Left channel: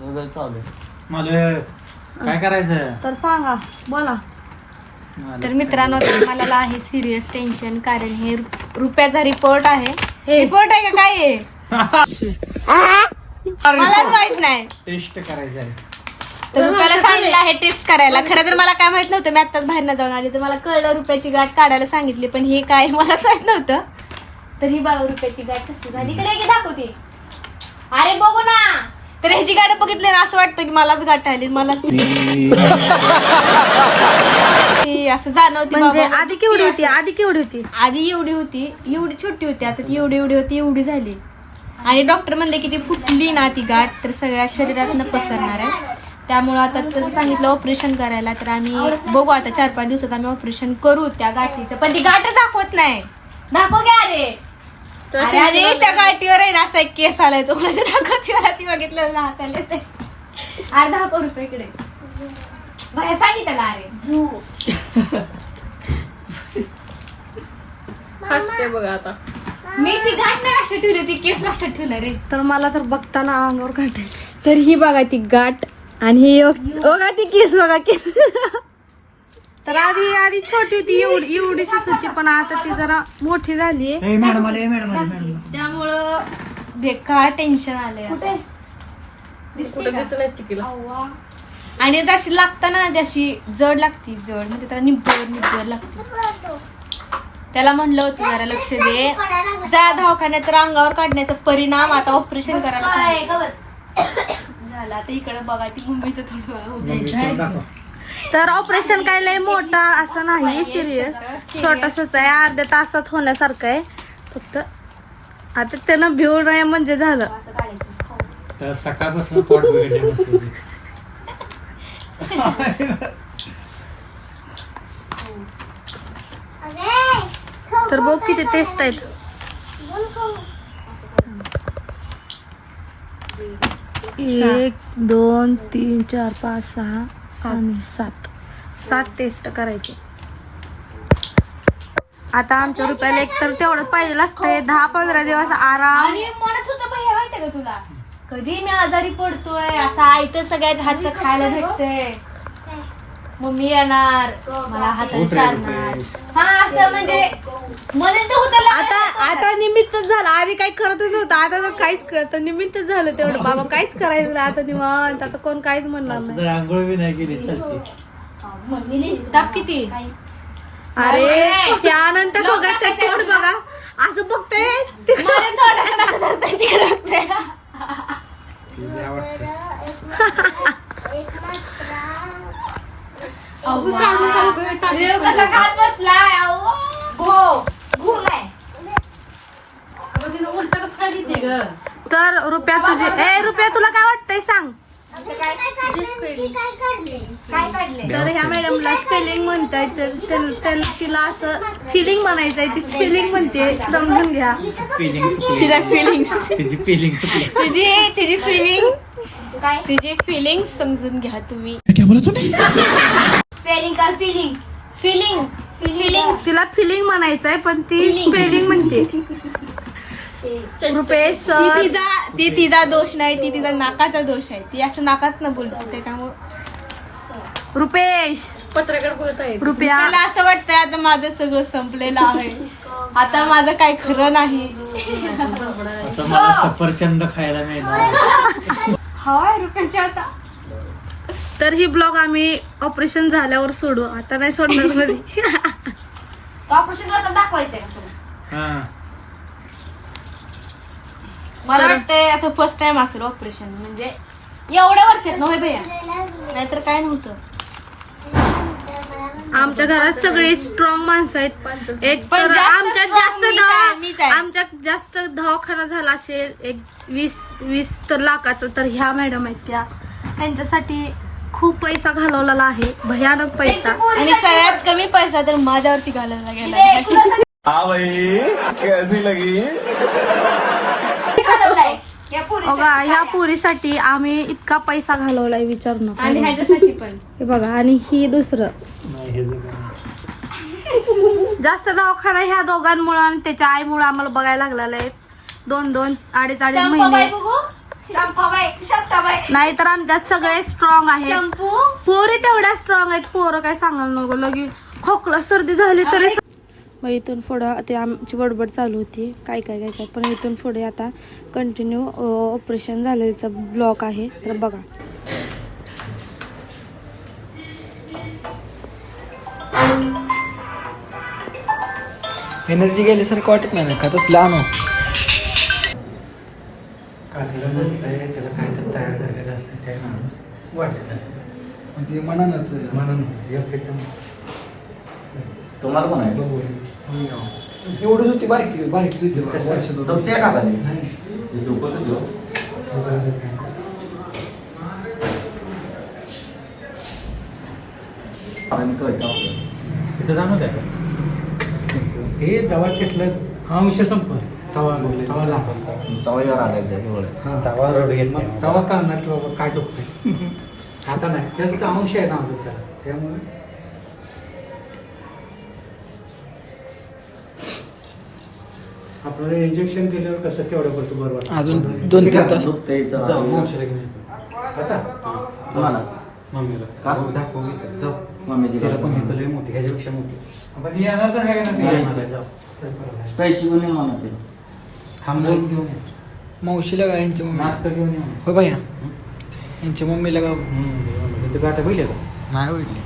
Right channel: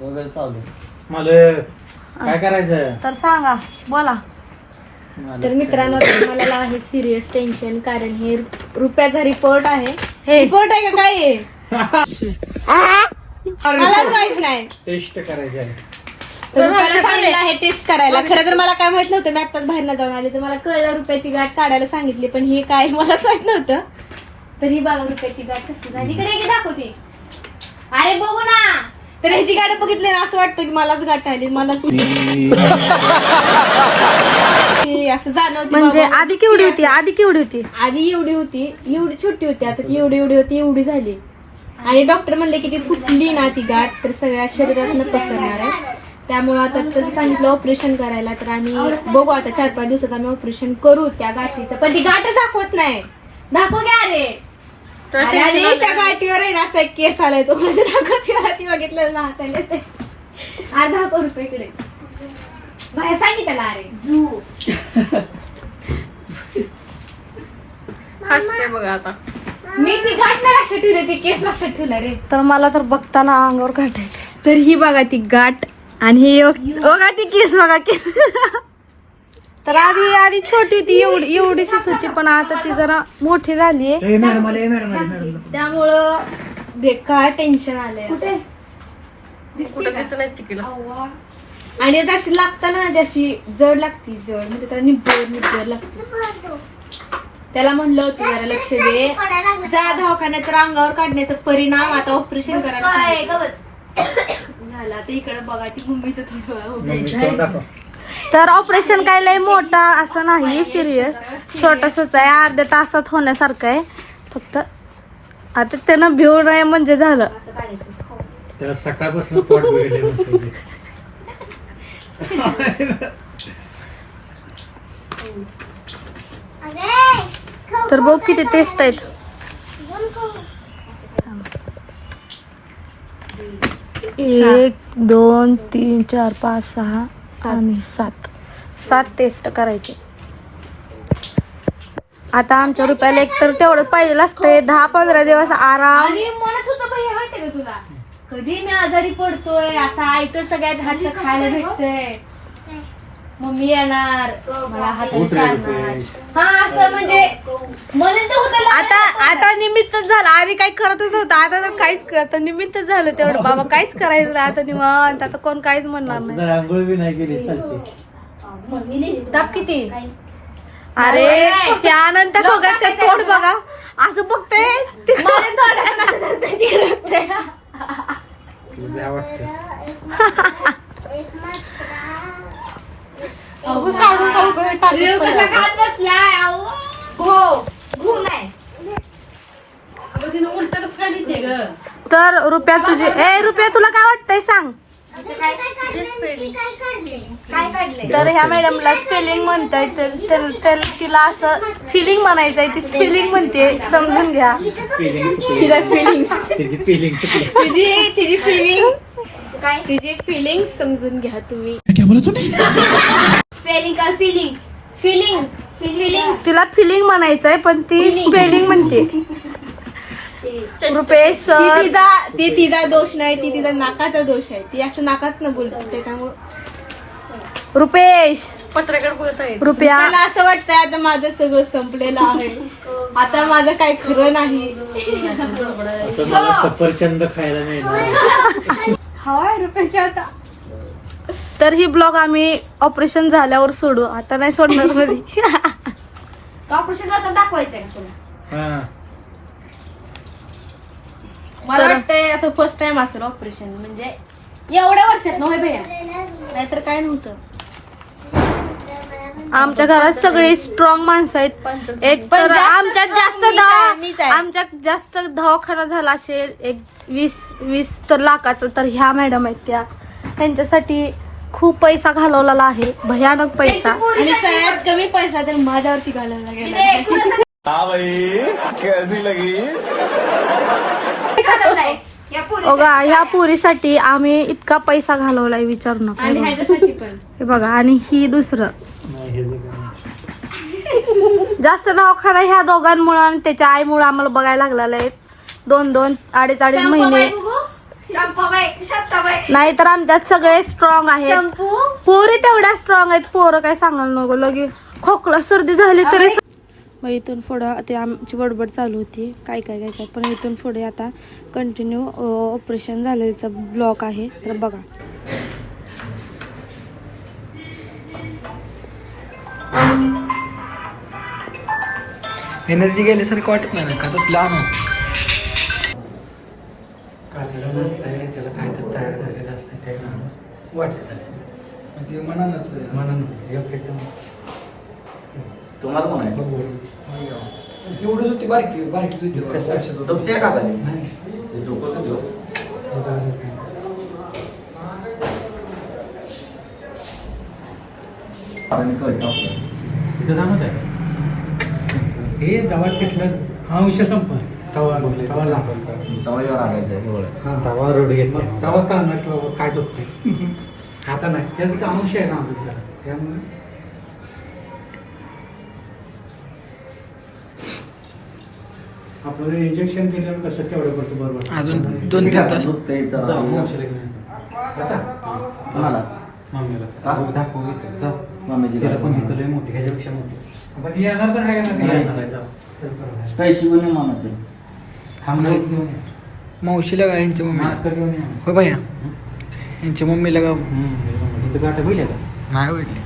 वगैरे चालू आहे. मला काय करायचं तर सांगा बोला. मला तर मित्रांनो आता मला आहे सिरियस टेन्शन कारण हे रुपयाचा रिपोर्ट आहे. रिपोर्ट आहे का काय आहे मलाच माहीत नाही. टेस्ट करायचं आहे तर रुपयाला सांगितलं आहे टेस्ट करायला. खरं तर मला काय माहीत नव्हतं मी आत्ताच बाहेर जाऊन आले तर मला कळलं रुपयाची गाठ काढायला सांगितली पण हे काय मलाच माहीत नव्हतं. तर ही बघा रुपयाची गाठ कसली झाली. की दाखवते. अरे बघू ना. तर ह्याची गाठ बघितली ना असं वाटतं की मलाच गाठ आली मलाच ती. असं जाणवती म्हणजे बाबा. आधी केवढी होती? आधी केवढी होती? आधी एवढी होती एवढी छोटी होती. आता ती एवढी एवढी होती एवढी झाली. आणि डॉक्टर म्हणले की ती फुटली ना ती गाठ तर सगळ्या शरीरातनं पसरणार आहे. त्यामुळं आता तसं सांगितलं ऑपरेशन करायला तर आम्ही बघू आता चार पाच दिवसात आम्ही ऑपरेशन करू त्या गाठीचं. पण ती गाठच दाखवत नाही. दाखव घ्या अरे. अरे अरे त्या गाठीवर आहे ना असा एक केस आलाय तो माझ्या दाखवची मला ती बघितलं ना हाताला येते अर्धा रुपये इकडे. बाहेर सांगितलं अरे. झू. मी ती गाठ ना लक्षात ठेवली ती केस लक्षात ठेवला रे तर मला तर बघताना अंगावर घाटायचं तर ही बघा ती गाठ आणि ही बघा ती केस बघा केस तर आधी आधी छोटी होती एवढी एवढीशीच होती पण आता ती जरा मोठी झाली ए मॅडम आले, ए मॅडम आले, मॅडम आले. त्यामुळं बेकार टेन्शन आलंय. दिसते का? आणि तशी लागताना अशी जड लागती जड. म्हणजे त्याला निब्बर निब्बर लागते. त्याला म्हणलं होतं जरा लक्ष दे. जा दवाखान्यात तर अंगावर काढण्याचा परिणाम आता ऑपरेशन करायला सांगितलं. झालं आता इकडे बघा ती मुंबईचं नाही, थोडं दाखव. तर ऑपरेशन काय लय मोठा असं नाही सिरियस छोटसच आहे अर्ध्या तासात होण्यासारखं आहे. फक्त आता त्यानं भिऊ नये म्हणजे झालं. तर सकाळपासून पोट बिघडले. तर बघ किती टेस्ट आहेत. एक दोन तीन चार पाच सहा आणि सात. सात टेस्ट करायचे. आता आमच्या रुपयाला एक तर तेवढं पाहिजे असतंय. दहा पंधरा दिवस आराम. आणि म्हणत होतं भैया माहितीये का तुला. कधी मी आजारी पडतोय असं आयतं सगळ्याच्या हातचं खायला भेटतंय. मम्मी येणार मला रे, चालणार. हा असं म्हणजे म्हणून तर होतं आता आता निमित्त झालं. आधी काही करतच नव्हतं. आता निमित्त झालं तेवढं. बाबा काहीच करायचं नाही. आता निवांत. आता कोण काहीच म्हणणार नाही. आंघोळ बी नाही केली. चालते. ताप किती? अरे नाही. त्या आनंद लोक बघा ते काय तोंड? बघा. असं बघते. माझ्या असं धरतंय आवडते. देव कसा खात बसलाय अहो. तर रुपया तुझी ए रुपया तुला काय वाटतंय सांग. तर ह्या मॅडमला स्पेलिंग म्हणताय तर त्यां- त्यां- तिला असं फिलिंग म्हणायचंय ती स्पेलिंग म्हणते समजून घ्या. फिलिंग चुकली तिला फिलिंग्स तिची फिलिंग चुकली तिची तिची फिलिंग तिची फिलिंग समजून घ्या तुम्ही. फिलिंग फिलिंग तिला फिलिंग म्हणायचंय पण ती स्पेलिंग म्हणते. रुपेश ती सर. तिचा ती तिचा दोष नाही ती तिचा नाकाचा दोष आहे. ती असं नाकात न बोलते त्याच्यामुळे. रुपेश. रुपया. मला असं वाटतंय आता माझं सगळं संपलेलं आहे. आता माझं काही खरं नाही. आता मला सफरचंद खायला मिळणार हवाय रुपयाचे आता. तर ही ब्लॉग आम्ही ऑपरेशन झाल्यावर सोडू. आता नाही सोडणार कधी. हा. मला वाटतंय असं फर्स्ट टाइम असेल ऑपरेशन म्हणजे एवढ्या वर्षात नव्हे भैया नाहीतर काय नव्हतं. आमच्या घरात सगळी स्ट्रॉंग माणसं आहेत. एक पण तर जास्त आमच्यात strong जास्त मीच आहे, मीच दवा- आहे. आमच्यात जास्त दवाखाना झाला असेल एक वीस वीस तर लाखाचं तर ह्या मॅडम आहेत त्या. त्यांच्यासाठी खूप पैसा घालवलेला आहे भयानक पैसा. आणि सगळ्यात कमी पैसा तर माझ्यावरती घालायला गेला हाँ भाई कैसी लगी? ह्या पुरीसाठी आम्ही इतका पैसा घालवलाय विचार आणि नको ह्याच्यासाठी पण. हे बघा आणि ही दुसरं. हे जास्त दवाखाना ह्या दोघांमुळे आणि त्याच्या आईमुळे आम्हाला बघायला लागलेला आहे दोन दोन अडीच अडीच महिने. नाही तर आमच्यात सगळे स्ट्रॉंग आहेत. पोरी तेवढ्या स्ट्रॉंग आहेत. पोरं काय सांगायला नको. लगे खोकला सर्दी झाली तरी मग इथून पुढं ते आमची बडबड चालू होती. काय काय काय काय. पण इथून पुढे आता कंटिन्यू ऑपरेशन झालेलं ब्लॉक आहे. तर बघा. एनर्जी गेल्यासारखं वाटत नाही का? काय तर तयार झालेलं असतं ते मनानच त्याचं तुम्हाला कोण आहे? एवढंच होती बारकी बारकी होती बघा, वर्षात होती. तुमच्या का हे डोकं. तिथं जाणवत आहे हे जेव्हा तिथलं अंश संपत तवा तवा आणायचं तवा रोड घेत तवा की बाबा काय दुखतंय आता नाही. त्यात अंश आहे ना त्यामुळे आपल्याला इंजेक्शन दिल्यावर कसं तेवढं पडतं बरोबर अजून दोन तीन तास दुखतं इथं. जाऊ मावशीला घेऊन येतो. मम्मीला का? दाखवून घेतो जाऊ पण. घेतो लय मोठी ह्याच्यापेक्षा मोठी आपण ती येणार तर आहे का नाही येणार आहे, जाऊ. काही फरक नाही. पैसे पण नाही मामा ते थांब रे, घेऊन ये. मावशीला का यांच्या मम्मी मास्क घेऊन ये. हो भैया यांच्या मम्मीला का हम्म. इथं गाठं होईल का नाही वाटली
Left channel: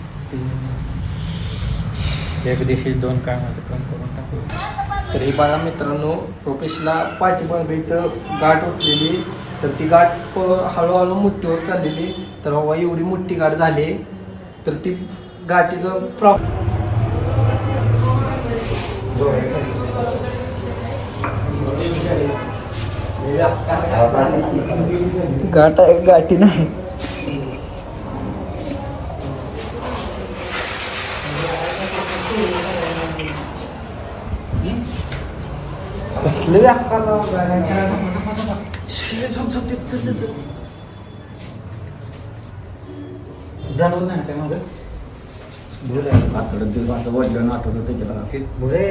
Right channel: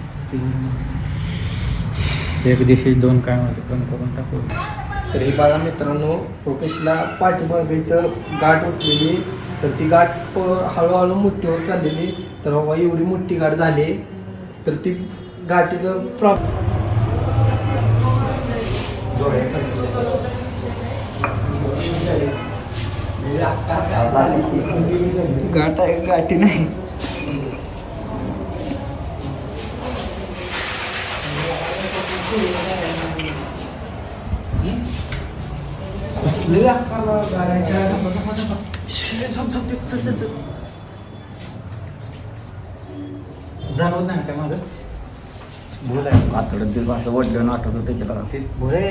एक दिवशी दोन काय म्हणतो पण करून टाकू तर हे बघा मित्रांनो रुपेशला पाठीमागे इथं गाठ उठलेली तर ती गाठ प- हळूहळू मोठी होत चाललेली तर बाबा एवढी मोठी गाठ झाली तर ती गाठीचं प्रॉप गाठ गाठी नाही. जाणवत नाही ना काय माझं भूल आहे आठवड्यात दिवस असं वडलं आठवत होतं त्याला ते भूल आहे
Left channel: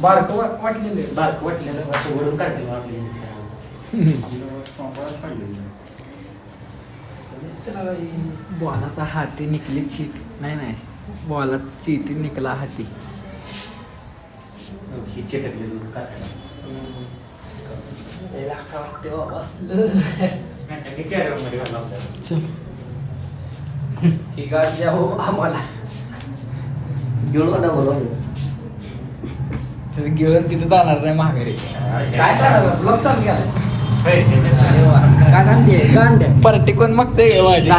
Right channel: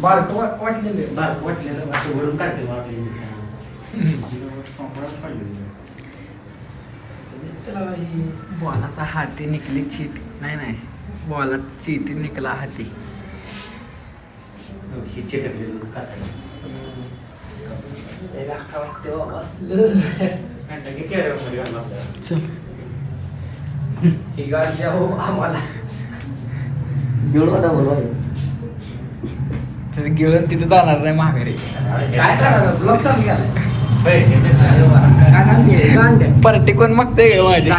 बारक वाटलेले बारकं वाटलेलं, असं वरून टाकलेलं वाटलेलं. बॉलाचा हाती निकली चीट. नाही नाही. बॉलात चीट निकला हाती. ही आपल्याला? ही हो आम्हाला. डबल गिळून तिथे जाणार नाही माघारी. काय करणार? घ्या. कोण मागते का माझी.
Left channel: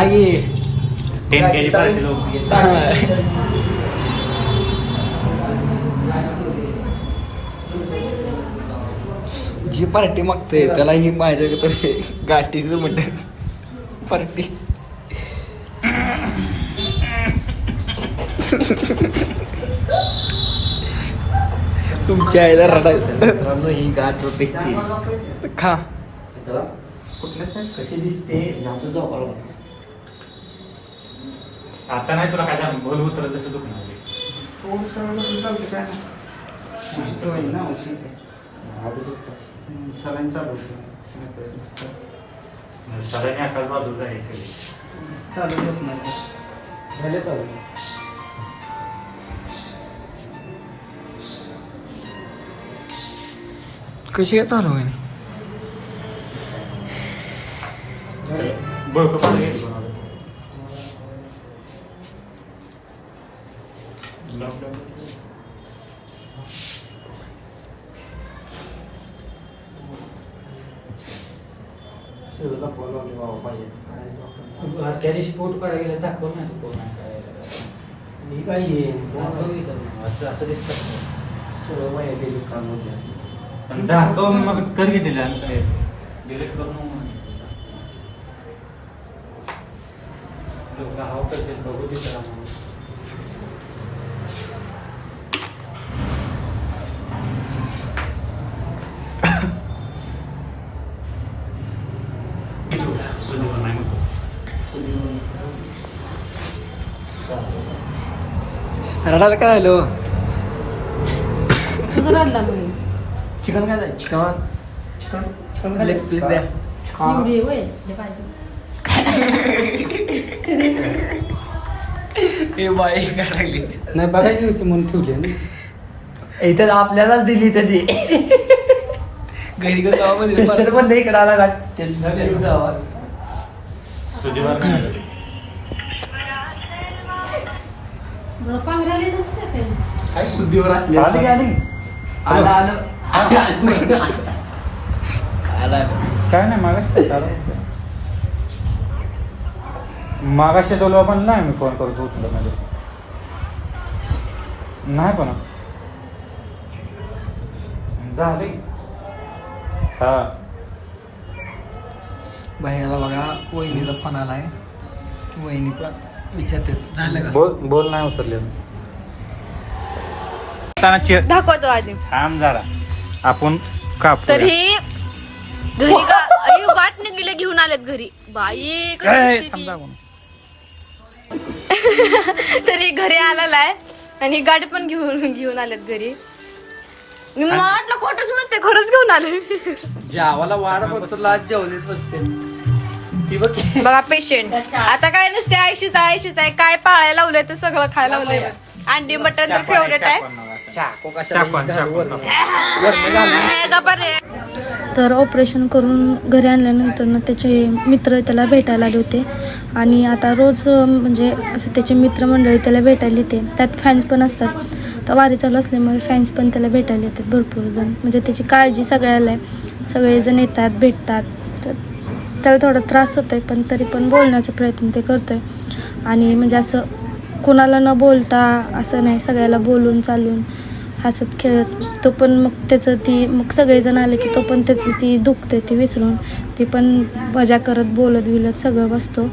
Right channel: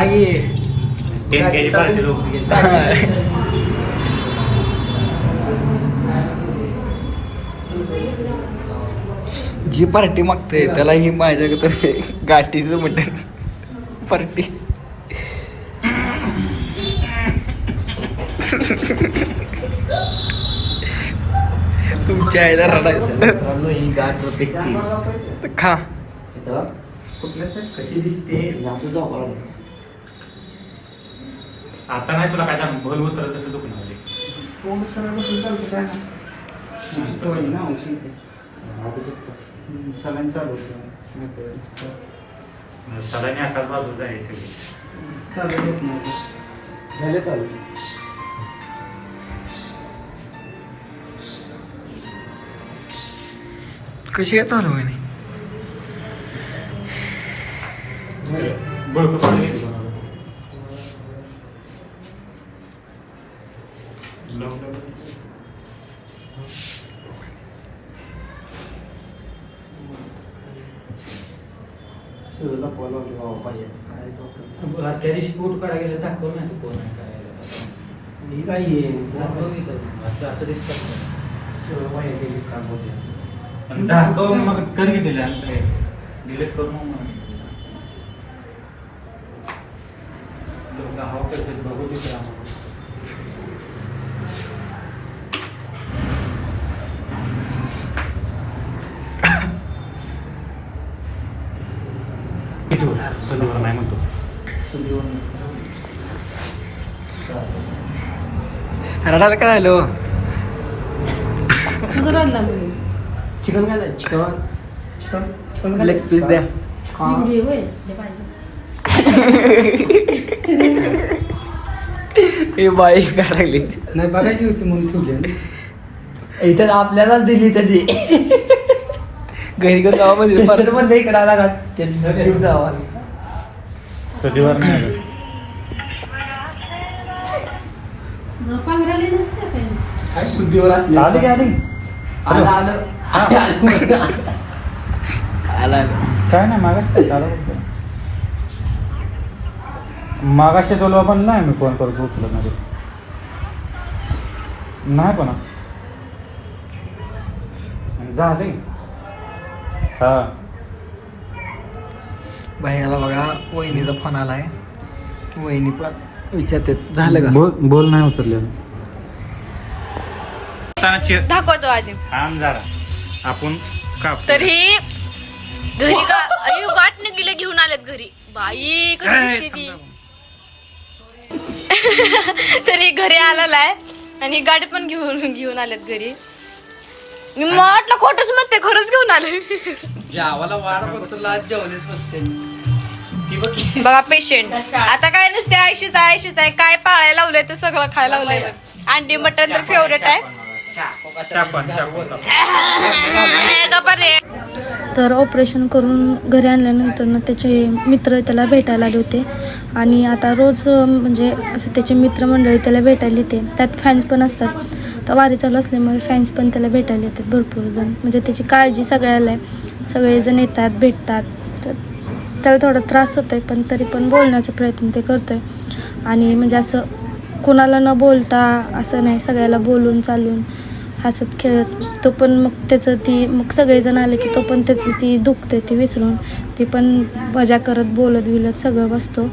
जी पार्टी मागते त्याला ही. माझ्याकडे गाठीचं मटण. पार्टी तुमच्या आईला रडायचं मित्रांनो ही गाठ रुपेशची खा. कशी दिसते आता नाही तुला काय सांग? भूल उतरत तसं दुखणार सगळ्यांनी चालू सगळ्यांनी आता बाजूला आहे सगळी. चालू होत नाही. झाले चालू. कशी काय चालू आहे बळकं पडलं घेते कोणाला. लावून लावून. बरं, त्या दिवशी फोटो काढायला गेला दाखवलं नाही तू कोण काय ही काय आहे? असं असं दिसतं सोळा वया गेली काल मोठ्या. दाखव मग कर की डिलीट डिलीट करून मग लोक हाव करते बघू काय झालं? तुझं रडला चिकन काय जाय chicken chicken chicken leg piece द्या एवढी होय दे पाहिजे. हे बाई काय लागली नाही बघायची होती म्हणून ठेवली आहे ना. इथं आपल्यालाच दिली त्याची घरी का गावामध्ये चेष्टेचं म्हणलं इकडे आला गाठ ते घेऊन जावा. मला पांघरायला नसते काही शुद्धीवर असले आली आली आलं काय नाही मागास काय झालं? मागाशी बोलवा पण नाही मी फोन करत उचलं म्हणजे नाही पण. झाले. हा. बाईला बघा वहिनीचा फोन आलाय. वहिनी पण विचारते झालं का? बोल बोल नाही उतरले दाखवतो आधी. थांब जरा. आपण काप. तरी घरी का अयो गाठ निघले घेऊन आलेत घरी. बाई कशी दिसते ती? तरी घरी आलेला आहे आणि गाडी पण घेऊन घेऊन आलेत घरी. मी मला वाटलं खोटच म्हणते खरंच घेऊन आले. जावाला वाढ जेवलीच बघ. पेशंट आता काय नसते आयशीच आयशीच आहे. काय पाळायला लावलंय ते सगळं खायला लावलंय. अंडी मटन तर फेवरेट आहे. तर ऑपरेशन करून घरी आणल्यानंतर ना त्याचे मित्र त्याला भेटायला आले होते. आणि आता रोज म्हणजे असं त्याचे मित्रमंडळी त्याला भेटायला येते. त्यात फॅन्स पण असतात. तर वारी चालू असल्यामुळे फॅन्स पण त्याला भेटायला येतात भरपूर जण. म्हणजे त्याची काळजी सगळ्याला आहे. सगळेजण येतात भेटतात. तर त्याला थोडा त्रास होतो आहे पण तरी पण बोलण्याचा प्रयत्न ते करतो आहे आणि म्हणजे असं कुणाला न बोलता असं नाही सगळ्याला बोलून चालून हसत खेळत तो पण मग त्याचं ती मग सगळेजण आले की तो पण त्याची ती दुखते ती विसरून. ती पण मजा करत बोलत बिलत सगळं बसतो.